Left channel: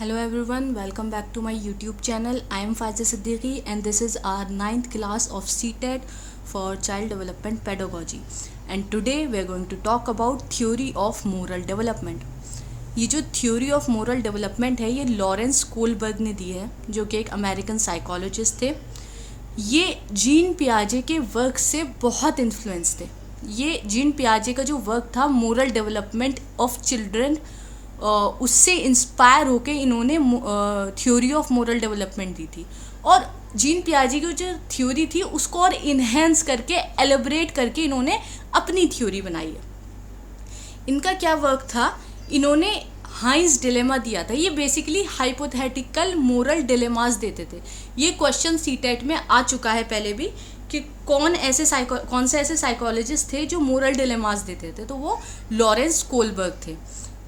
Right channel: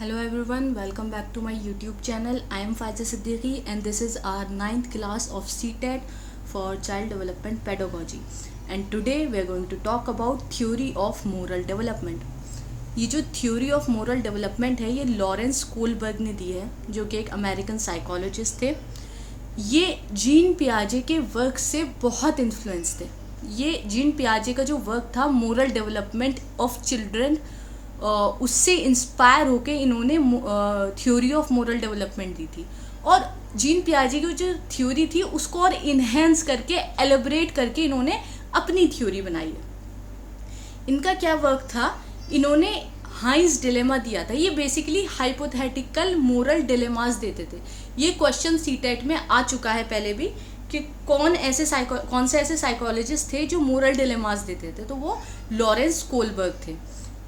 Hello everyone, welcome back to my YouTube channel. I am Faiza Siddiqui and this is our ninth class of CTET for Child Development Pedagogy. And today we are going to talk about Theory of Moral Development. ये जो Theory of Moral Development है ये Lawrence Kohlberg ने दी है, जो कि एक American psychologist थे. ये जीन पियाजे के वर्क से बहुत इन्फ्लुएंस थे. ये जीन पियाजे का जो वर्क था मोरल डेवलपमेंट ऑफ चिल्ड्रन, उससे इंस्पायर होके इन्होंने थ्योरी ऑफ मोरल डेवलपमेंट दी थी. और जीन पियाजे की जो थ्योरी थी उसको और इन्हेंस करके एलेबरेट करके इन्होंने अपनी थ्योरी बनाई है. इनका क्या वर्क था, इन्होंने हाइंस डिलेमा दिया था. ये बेसिकली हाइपोथेटिकल मोरल डिलेमास देते थे. ये क्वेश्चन सीटेट में आ चुका है पहले भी कि कौन से ऐसे साइकोलॉजिस्ट थे जो मोरल डिलेमास देते थे, तो वो लॉरेंस कोलबर्ग थे.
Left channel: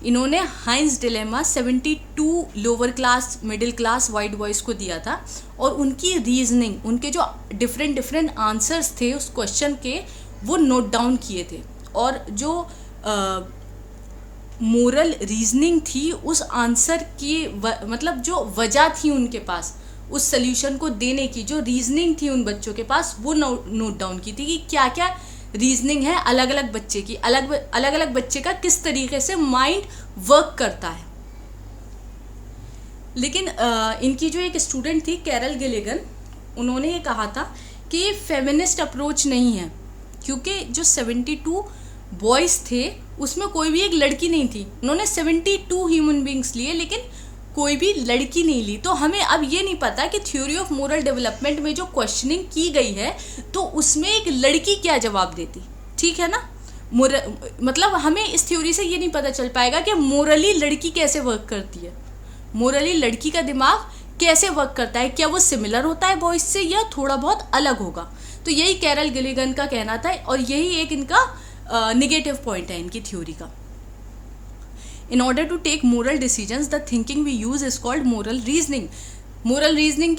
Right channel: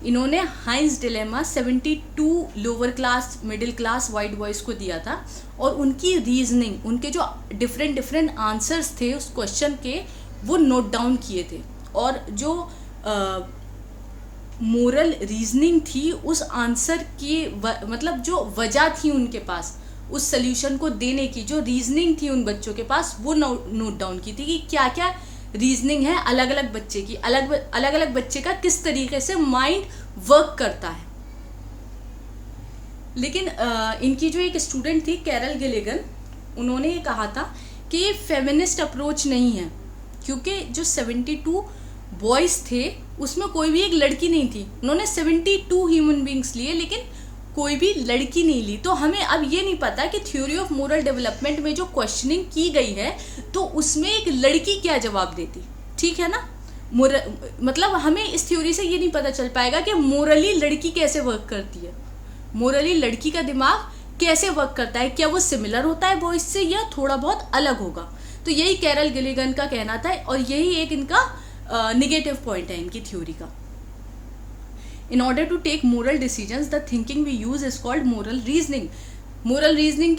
इन्होंने Heinz dilemma 72 lower class middle class white boys को दिया था और उनकी रीजनिंग, उनके जो डिफरेंट आंसर्स थे उस क्वेश्चन के, वो नोट डाउन किए थे. और जो मोरल रीजनिंग थी उस आंसर की मतलब जो वजह थी उनके पास उस सल्यूशन को देने की, जो रीजनिंग थी उन बच्चों के पास, वो नोट डाउन की थी कि क्या क्या रीजनिंग है अलग अलग बच्चे की, अलग अलग बच्चे का किस तरीके से माइंड वर्क करता है. लेकिन इनकी जो एक स्टूडेंट थी कैरल गिलिगन, उन्होंने ये कहा था कि ये फेमिनिस्ट अप्रोच नहीं है, क्योंकि जो 72 बॉयज़ थे उसमें कोई भी एक लड़की नहीं थी. उन्होंने 72 ह्यूमन बींग्स लिए लेकिन कोई भी लड़की नहीं ली. तो हमें अब ये नहीं पता कि थ्योरी ऑफ मोरल डेवलपमेंट में जो क्वेश्चनिंग की गई है तो उसमें एक लड़की क्या जवाब देती. ठीक है ना, मतलब हमें इस थ्योरी से ये नहीं पता चल पाएगा कि मोरली लड़की कैसे वर्क करती है, मोरली लड़की का दिमाग कैसे वर्क करता है, क्या वो सिमिलर होता है बॉयज से या थोड़ा बहुत अलग होगा. तो यही कैरल गिलिगन का कहना था और यही एक इनका निगेटिव पॉइंट है इनकी थ्योरी का. In order to take moral decisions, the thinking we use is called moral reasoning. Moral reasoning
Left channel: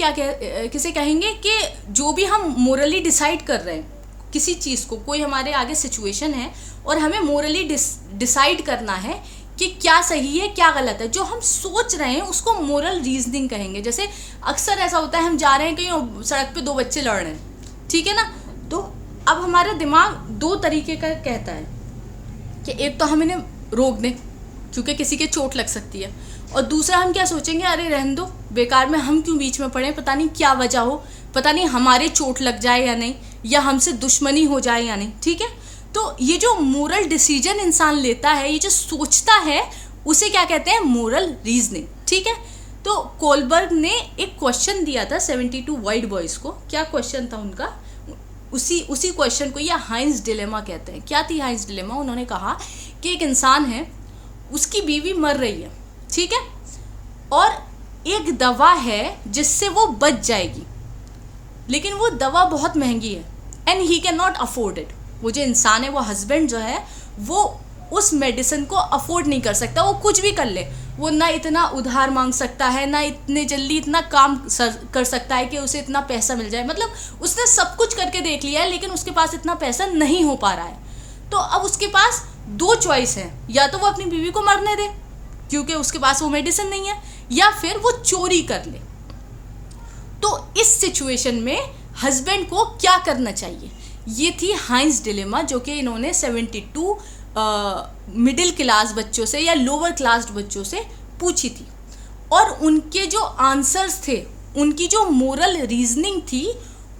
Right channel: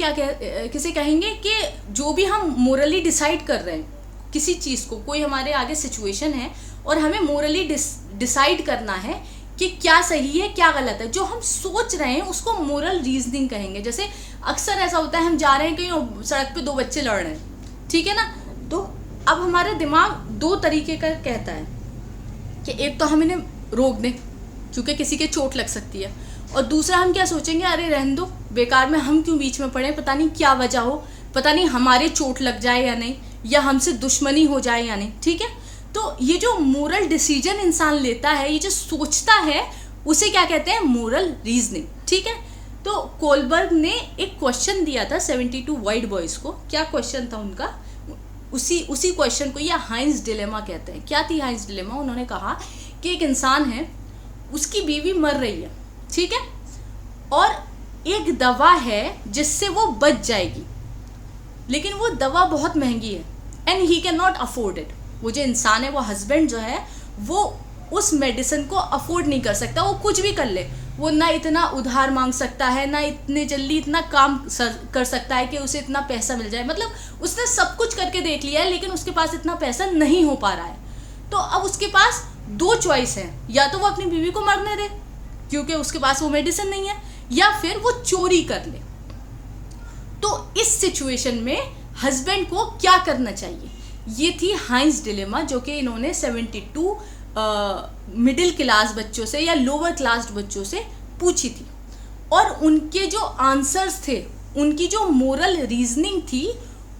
किसे कहेंगे कि जो भी हम morally decide कर रहे हैं किसी चीज़ को, कोई हमारे आगे situation है और हमें morally decide करना है कि क्या सही है क्या गलत है, जो हम सोच रहे हैं उसको moral reasoning कहेंगे. जैसे अक्सर ऐसा होता है, हम जा रहे हैं कहीं सड़क पे, दो बच्चे लड़ रहे हैं, ठीक है ना, तो अब हमारा दिमाग दो तरीके का कहता है कि एक तो हम इन्हें रोक दें क्योंकि किसी के चोट लग सकती है, और दूसरा हम क्या सोचेंगे, अरे रहने दो, बेकार में हम क्यों बीच में पड़े, पता नहीं क्या वजह हो, पता नहीं हमारे चोट लग जाए या नहीं, या हमसे दुश्मनी हो जाए या नहीं. ठीक है, तो ये जो मोरल डिसीजन इंसान लेता है, ये जो सोचता है, उसे क्या कहते हैं, मोरल रीजनिंग. ठीक है, तो कोलबर्ग ने एक क्वेश्चन दिया था 72 वाइट बॉयज़ को. क्या क्वेश्चन था उनका, उसी क्वेश्चन को ये हाइंस डिलेमा कहते हैं. क्या थी हाइंस डिलेमा, उन्होंने कहा कि एक इंसान है, उसकी बीवी मर रही है, ठीक है, और एक दवा है जिससे वो बच जाएगी, लेकिन वो दवा बहुत महंगी है and he can not afford it. वो जो इंसान है, वो हस्बैंड जो है, वो उस मेडिसिन को अफोर्ड नहीं कर सकता. वो कुछ भी कर ले, वो ना इतना उधार मांग सकता है, ना इतने जल्दी इतना काम कर सकता है कि उसे इतना पैसा मिल जाए. मतलब उसने सब कुछ करके देख लिया है लेकिन उसके पास इतना पैसा नहीं हो पा रहा है. तो अब उसके पास दो चॉइस है, या तो वो अपनी बीवी को मरने दे क्योंकि उसके पास वो मेडिसिन नहीं है, या फिर वो चोरी कर ले. तो इस सिचुएशन में हस्बैंड को क्या करना चाहिए, ये थी हाइंस डिलेमा, जो कि इन्होंने 72 मिडिल क्लास बच्चों से या लोअर क्लास बच्चों से पूछी थी. और उनके जो आंसर्स थे, उनकी जो मोरल रीजनिंग थी,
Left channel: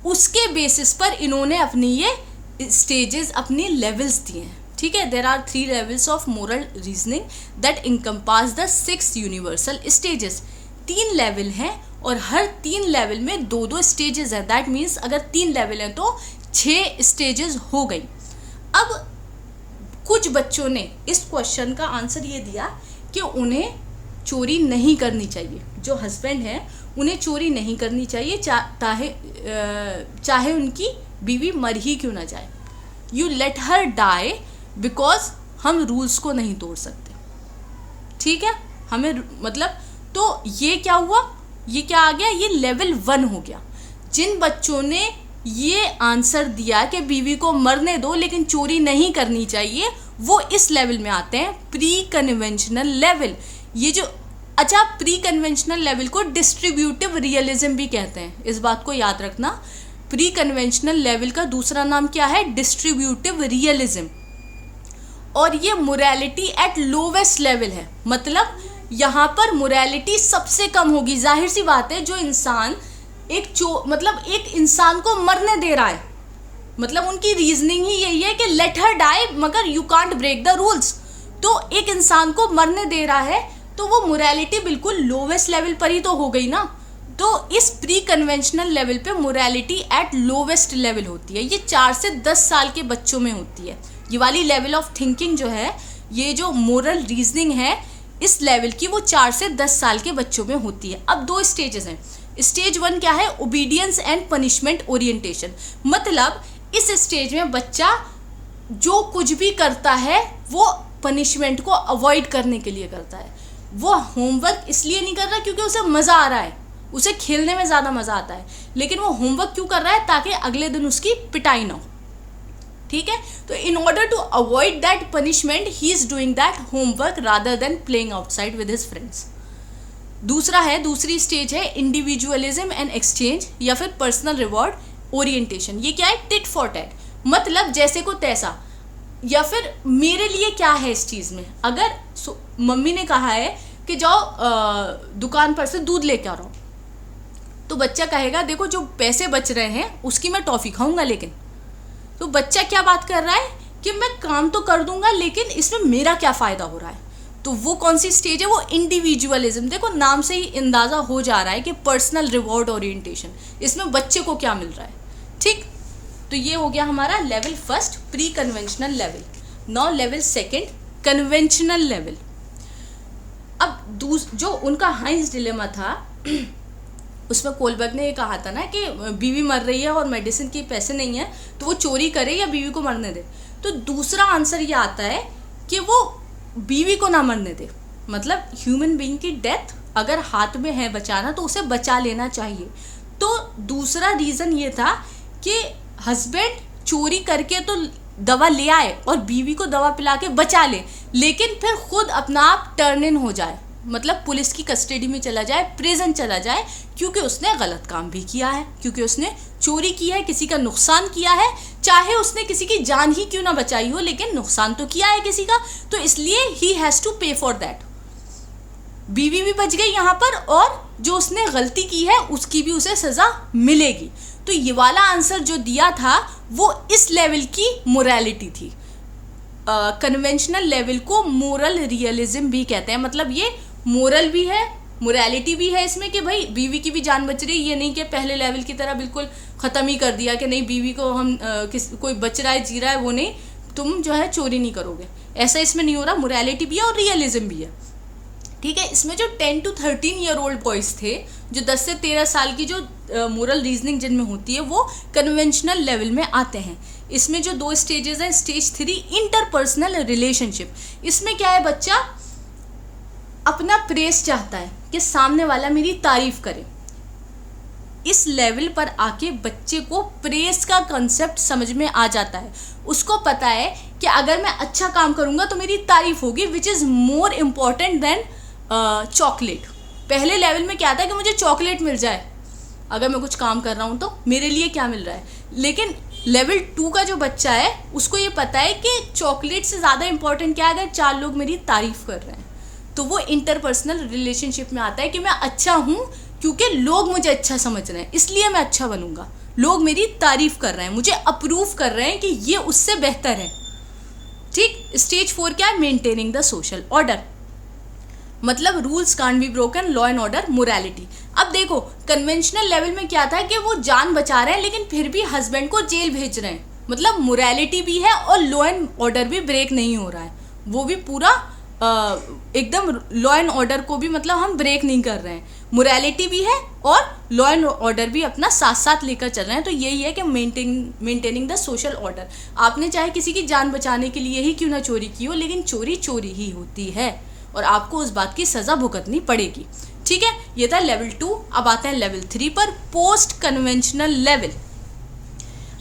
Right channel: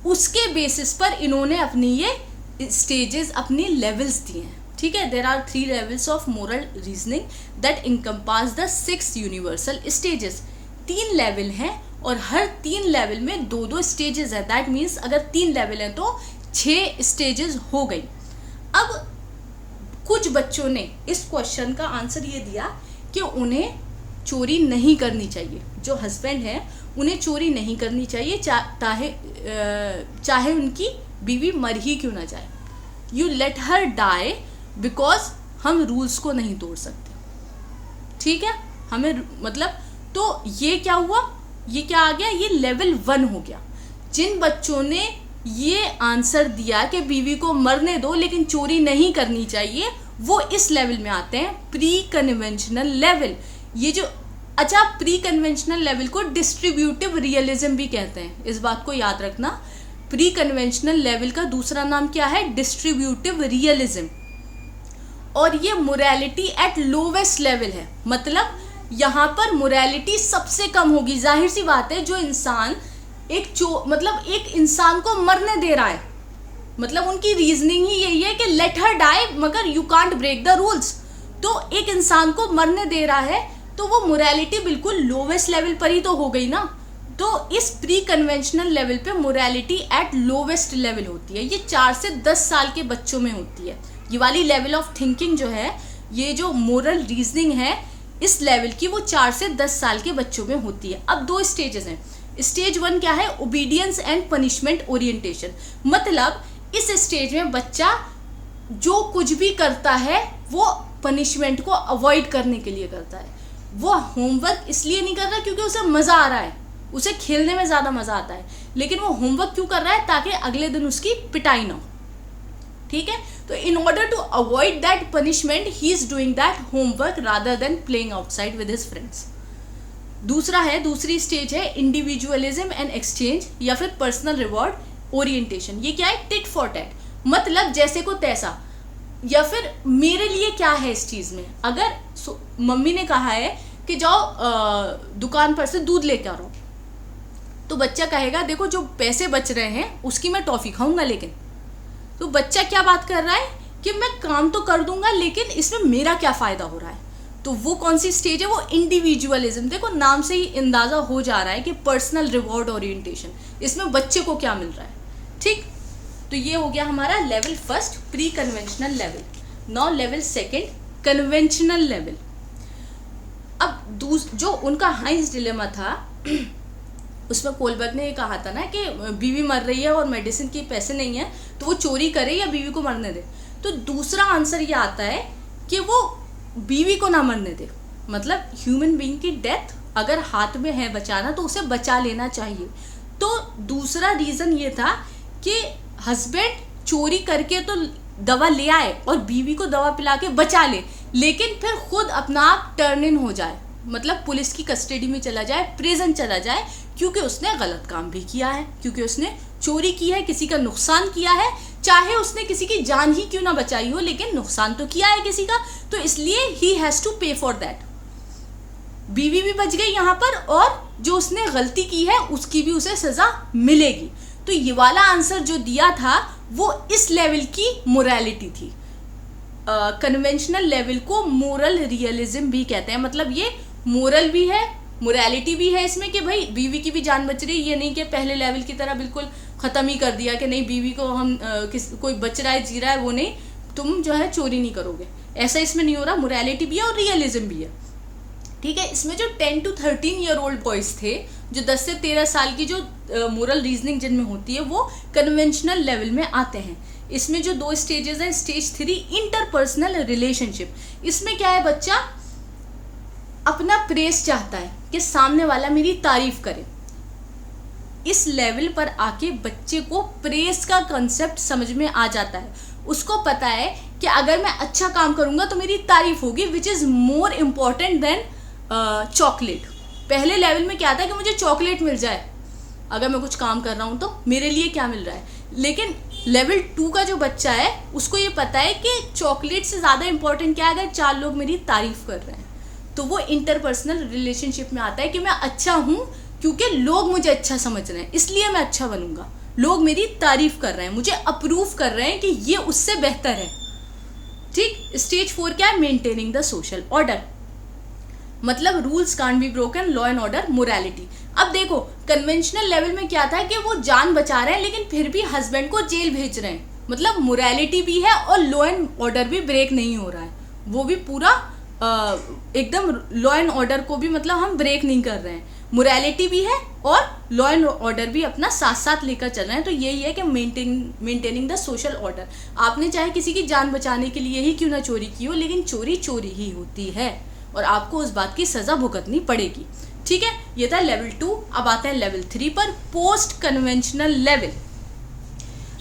उसके बेसिस पर इन्होंने अपनी ये स्टेजेस, अपनी लेवल्स दिए हैं. ठीक है, there are 3 levels of moral reasoning that encompass the 6 universal stages. 3 level हैं और हर 3 लेवल में 2-2 स्टेजेस है. दैट मीन्स अगर 3 लेवल है तो 6 स्टेजेस हो गई. अब कुछ बच्चों ने इस क्वेश्चन का आंसर ये दिया कि उन्हें चोरी नहीं करनी चाहिए. जो हस्बैंड है उन्हें चोरी नहीं करनी चाहिए, चाहे उनकी बीवी मर ही क्यों ना जाए. You let her die because हम रूल्स को नहीं तोड़ सकते. ठीक है, हमें मतलब, तो ये क्या हुआ, ये क्या आ गया, ये लेवल 1 हो गया. जिन बच्चों ने ये आंसर दिया कि बीवी को मरने दो लेकिन चोरी नहीं करनी चाहिए, वो इस लेवल में आते हैं प्री कन्वेंशनल लेवल. ये जो अच्छा, प्री कन्वेंशनल लेवल को डिस्ट्रीब्यूटिव रियलिज्म भी कहते हैं, इस बात को याद रखना। प्री कन्वेंशनल लेवल का दूसरा नाम क्या है? Distributive realism. और ये मोरालिटी एट लोवेस्ट लेवल है, मतलब यहाँ पर मोरालिटी सबसे कम होगी। जाहिर सी बात है, जो इंसान मतलब एक इंसान को मरने दे रहा है, मतलब उनकी रीजनिंग ही यही है कि लेट हर डाई, मगर you can't break the rules. तो एक इंसान को मरने दे रहा है तो वो मोरालिटी बिल्कुल लोवेस्ट लेवल पर ही तो हो गई ना। तो इस प्री कन्वेंशनल लेवल पे मोरालिटी एट लोवेस्ट लेवल होती है। ये 4 से 10 साल के बच्चों में होती है। ये वाली लेवल ऑफ थिंकिंग जो है, ये जो मोरल रीजनिंग है इस लेवल की, वो 4 से 10 साल के बच्चों में होती है। अब 2 स्टेजेस हैं। स्टेज 1 क्या है? Obedience and punishment orientation. मतलब इस स्टेज में बच्चा जो कुछ भी करता है वो पनिशमेंट को अवॉइड करने के लिए करता है। वो होमवर्क इसलिए नहीं कर रहा क्योंकि उसे मजा आ रहा है, उसे खेलने में ज्यादा मजा आता है, लेकिन वो होमवर्क क्यों कर रहा है? ताकि अगले दिन उसकी पिटाई ना हो। ठीक है, तो in order to avoid that punishment he is doing that homework rather than playing outside with his friends. दूसरी स्टेज है इंडिविजुअलिज्म एंड एक्सचेंज या फिर पर्सनल रिवॉर्ड ओरिएंटेशन। ये क्या है? टिट फॉर टैट, मतलब जैसे को तैसा, या फिर मेरे लिए क्या है इस चीज में। अगर मम्मी ने कहा है कि जाओ दुकान पर से दूध लेकर आओ, तो बच्चा कहेगा देखो जो पैसे बच रहे हैं उसकी मैं टॉफी खाऊंगा, लेकिन तो बच्चा क्या बात कर रहा है कि मैं काम तो कर दूंगा लेकिन इसमें मेरा क्या फायदा हो रहा है। तो वो कौन सी स्टेज है? वो इंडिविजुअलिज्म। देखो नाम से ही अंदाजा हो जा रहा है कि पर्सनल रिवॉर्ड ओरिएंटेशन, इसमें बच्चे को क्या मिल रहा है। ठीक, तो ये हो गया हमारा level first pre conventional level. Now level second conventional level. अब जो उनका हाइंस डिलेमा था उसमें कोलबर्ग ने ये कहा था ना कि बीवी मर रही है और मेडिसिन के पैसे नहीं है, तो वो चोरी करे या बीवी को मरने दे। तो दूसरा आंसर ये आता है कि वो बीवी को ना मरने दे। मतलब ह्यूमन बीइंग की डेथ अगर हाथ में है बचाना तो उसे बचा लेना चाहिए। तो दूसरा रीजन ये था कि हस्बैंड चोरी करके तो दवा ले आए और बीवी को दवा पिला के बचा ले, लेकिन फिर खुद अपना आप टर्न इन हो जाए, मतलब पुलिस की कस्टडी में चला जाए, प्रिजन चला जाए, क्योंकि उसने गलत काम भी किया है, क्योंकि उसने चोरी की है, किसी का नुकसान किया है, चाहे उसने किसी की जान ही क्यों ना बचाई हो, लेकिन नुकसान तो किया है किसी का, तो इसलिए ही हैज टू पे फॉर दैट। बीवी भी बच गई यहाँ पर और जो उसने गलती की है उसकी भी उसे सजा मिलेगी। तो ये वाला आंसर जो दिया था वो इस लेवल की मोरालिटी थी। कन्वेंशनल लेवल को मोरल रियलिज्म भी कहते हैं। मतलब ये मोरल भी है, मोरालिटी भी है इसमें कि भाई बीवी की भी जान बच रही है। ये नहीं कि पहले लेवल की तरह बिल्कुल खत्म ही कर दिया कि नहीं बीवी को हम कोई बच रहा है जी रहा है वो नहीं, तुम जो है चोरी नहीं करोगे, ऐसा इसमें नहीं हो रहा। मोरालिटी भी है और रियलिज्म भी है। ठीक है, इसमें जो 10 to 13 ईयर ओल्ड बॉयज थे, जो 10 से 13 साल की जो मोरल रीजनिंग जिनमें होती है, वो कन्वेंशनल लेवल में आते हैं। इसमें जो 2 स्टेजेस हैं, स्टेज 3 इंटरपर्सनल रिलेशनशिप। इसमें क्या है, बच्चा अपना प्रेस चाहता है कि सामने वाला मेरी तारीफ करे। इस लेवल पर आके बच्चे को प्रेस का कंसेप्ट समझ में आ जाता है। उसको पता है कि अगर मैं अच्छा काम करूंगा तो मेरी तारीफ होगी, which is more important then chocolate. पहले लेवल में क्या था कि मुझे चॉकलेट मिल जाए, अगर मैं कुछ काम कर रहा हूं तो मेरे लिए क्या मिल रहा है। लेकिन लेवल 2 का जो बच्चा है उसको ये पता है कि चॉकलेट से ज्यादा इंपॉर्टेंट क्या है, अगर 4 लोग मेरी तारीफ कर रहे हैं। तो वो इंटरपर्सनल रिलेशनशिप में आता है कि मैं अच्छा हूं क्योंकि लोग मुझे अच्छा समझ रहे हैं, इसलिए मैं अच्छा बनूंगा। लोग मेरी तारीफ कर रहे हैं, मुझे अप्रूव कर रहे हैं कि ये उससे बेहतर है। ठीक, स्टेज 4 क्या है, मेंटेनिंग द सोशल ऑर्डर। मतलब rules can't be broken, law and order, morality. अब देखो कन्वेंशनल लेवल में क्या था कि वो जान बचा रहे हैं लेकिन फिर भी हस्बैंड को जेल भेज रहे हैं। मतलब मोरालिटी भी है और लॉ एंड ऑर्डर भी ब्रेक नहीं हो रहा है, वो भी पूरा एकदम लॉ एंड ऑर्डर को भी मतलब हम ब्रेक नहीं कर रहे हैं। मोरालिटी भी है और लॉ एंड ऑर्डर भी अपना साथ साथ लेकर चल रहे हैं। तो यही है कि मेंटेनिंग द सोशल ऑर्डर। आपने चाहे किसी की जान बचाने के लिए ही क्यों ना चोरी की हो, लेकिन चोरी चोरी ही होती है और आपको उस बात की सजा भुगतनी पड़ेगी। ठीक है, ये था लेवल 2। अब आते हैं लेवल 3 पर, पोस्ट कन्वेंशनल लेवल।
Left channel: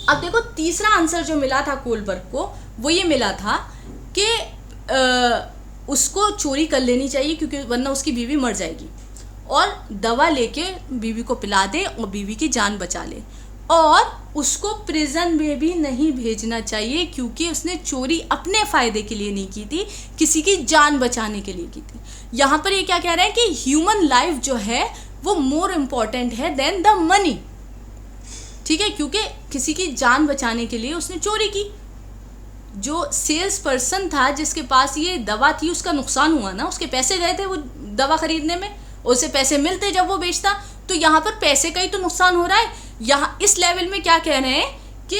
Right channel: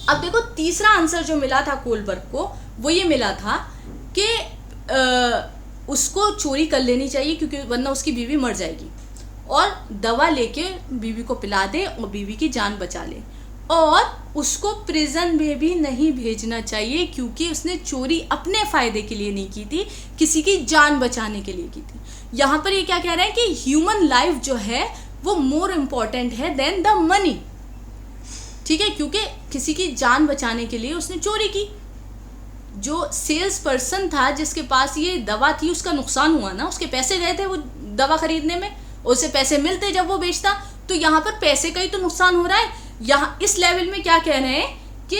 अब देखो तीसरा आंसर जो मिला था कोलबर्ग को, वो ये मिला था कि उसको चोरी कर लेनी चाहिए, क्योंकि वरना उसकी बीवी मर जाएगी, और दवा लेके बीवी को पिला दे और बीवी की जान बचा ले। और उसको प्रिजन में भी नहीं भेजना चाहिए, क्योंकि उसने चोरी अपने फ़ायदे के लिए नहीं की थी, किसी की जान बचाने के लिए की थी। यहाँ पर ये क्या कह रहा है कि ह्यूमन लाइफ जो है वो मोर इम्पॉर्टेंट है देन द मनी, ठीक है, क्योंकि किसी की जान बचाने के लिए उसने चोरी की। जो सेल्स पर्सन था जिसके पास ये दवा थी, उसका नुकसान हुआ ना, उसके पैसे गए थे वो दवा खरीदने में, उसे पैसे मिलते जब वो बेचता। तो यहाँ पर पैसे का ही तो नुकसान हो रहा है। यहाँ इस लेवल में क्या कह रहे हैं कि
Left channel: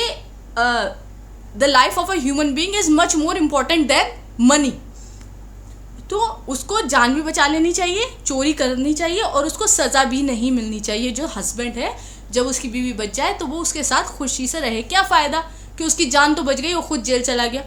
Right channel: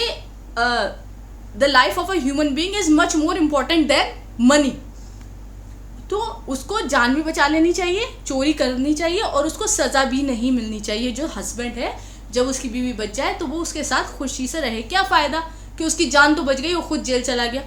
the life of a human being is much more important then money. तो उसको जान भी बचा लेनी चाहिए, चोरी करनी चाहिए, और उसको सजा भी नहीं मिलनी चाहिए। जो हस्बैंड है, जब उसकी बीवी बच जाए तो वो उसके साथ खुशी से रहे। क्या फ़ायदा कि उसकी जान तो बच गई, वो खुद जेल चला गया।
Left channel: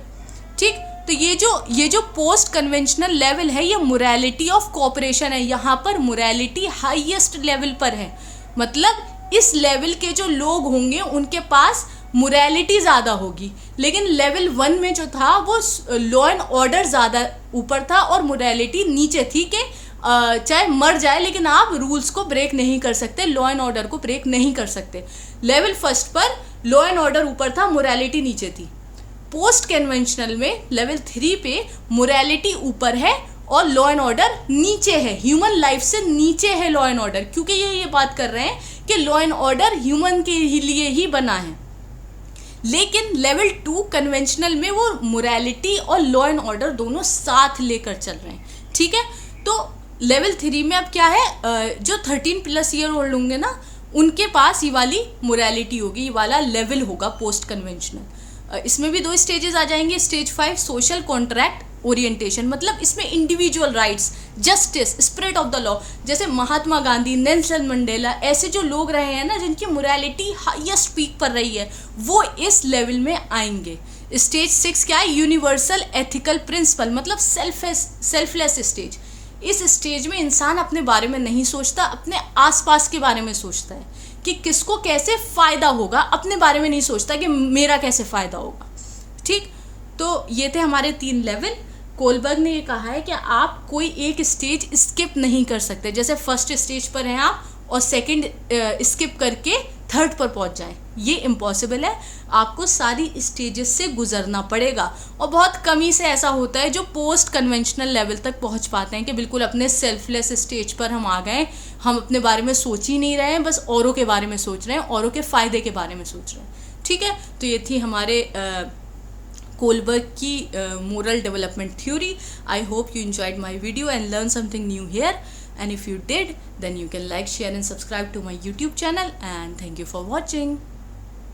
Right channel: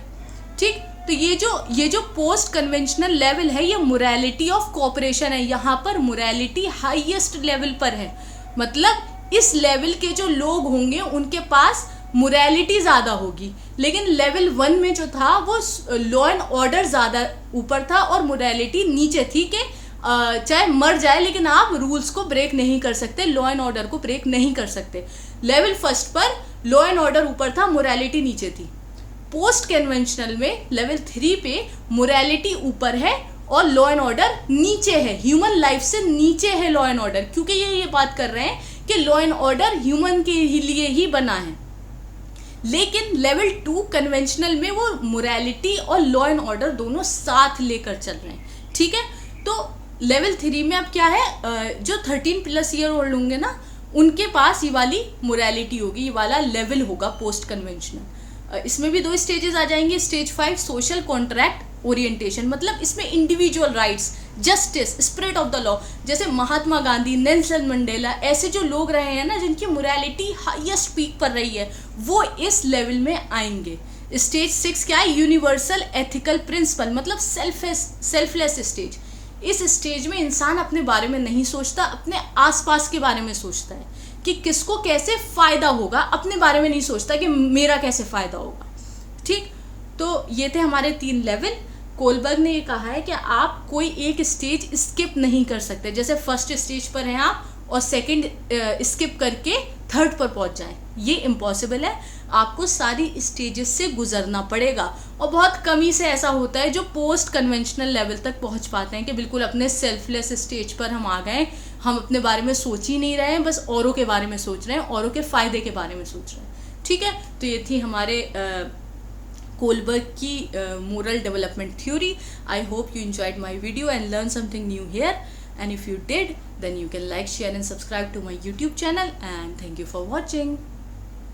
ठीक, तो ये जो पोस्ट कन्वेंशनल लेवल है, ये मोरालिटी ऑफ कोऑपरेशन है। यहाँ पर मोरालिटी हाईएस्ट लेवल पर है। मतलब इस लेवल के जो लोग होंगे उनके पास मोरालिटी ज़्यादा होगी। लेकिन लेवल 1 में जो था वो लॉ एंड ऑर्डर ज़्यादा ऊपर था और मोरालिटी नीचे थी कि चाहे मर जाए लेकिन आप रूल्स को ब्रेक नहीं कर सकते, लॉ एंड ऑर्डर को ब्रेक नहीं कर सकते। लेवल 1 पर लॉ एंड ऑर्डर ऊपर था, मोरालिटी नीचे थी। पोस्ट कन्वेंशनल में लेवल 3 पे मोरालिटी ऊपर है और लॉ एंड ऑर्डर नीचे है। ह्यूमन लाइफ से नीचे है लॉ एंड ऑर्डर, क्योंकि ये बात कर रहे हैं कि लॉ एंड ऑर्डर ह्यूमन के लिए ही बना है। लेकिन लेवल 2 कन्वेंशनल में वो मोरालिटी और लॉ एंड ऑर्डर दोनों साथ लेकर चल रहे हैं। ठीक है, तो लेवल 3 में अब क्या है, जो 13+ ईयर ओल्ड होंगे ना, उनके पास ये वाली मोरालिटी होगी, ये वाला लेवल होगा पोस्ट कन्वेंशनल। इसमें भी 2 स्टेजेस आ जाएंगे। स्टेज 5 सोशल कॉन्ट्रैक्ट ओरिएंटेशन, मतलब इसमें individual rights, justice, spirit of the law, जैसे महात्मा गांधी, नेल्सन मंडेला, ऐसे जो लोग रहे हैं ना जिनकी मोरालिटी हाईएस्ट पीक पर रही है, वो इस लेवल में आएंगे। स्टेज 6 क्या है, यूनिवर्सल एथिकल प्रिंसिपल, मतलब सेल्फलेस स्टेज। इस स्टेज में इंसान अपने बारे में नहीं सोचता, अपने आसपास के बारे में सोचता है कि किसको कैसे फ़ायदा होगा, अपने बारे में नहीं सोचता कि मेरा कैसे फ़ायदा होगा। ठीक, तो ये थे हमारे 3 लेवल। कोलबर्ग ने ये कहा है कि आप कोई एक स्टेज स्किप नहीं कर सकते। जैसे फर्स्ट स्टेज पर हैं आप और सेकंड स्किप करके थर्ड पर पहुंच जाएं, ये इम्पॉसिबल है। आपको सारी स्टेजेस से गुजरना पड़ेगा, और बहुत कम ही से ऐसा होता है जो पोस्ट कन्वेंशनल लेवल तक पहुंच पाते हैं कि बिल्कुल अपने सेल्फलेस स्टेज पर हम आ गए, हम अपने बारे में सोच ही नहीं रहे हैं, बस औरों के बारे में सोच रहे हैं, औरों के फ़ायदे के बारे में सोच रहे हैं। ठीक है, तो ये थी हमारे कोलबर्ग की moral development theory. I hope you enjoyed my video and learned something new here. And if you did, then you can like, share and subscribe to my YouTube channel. And thank you for watching.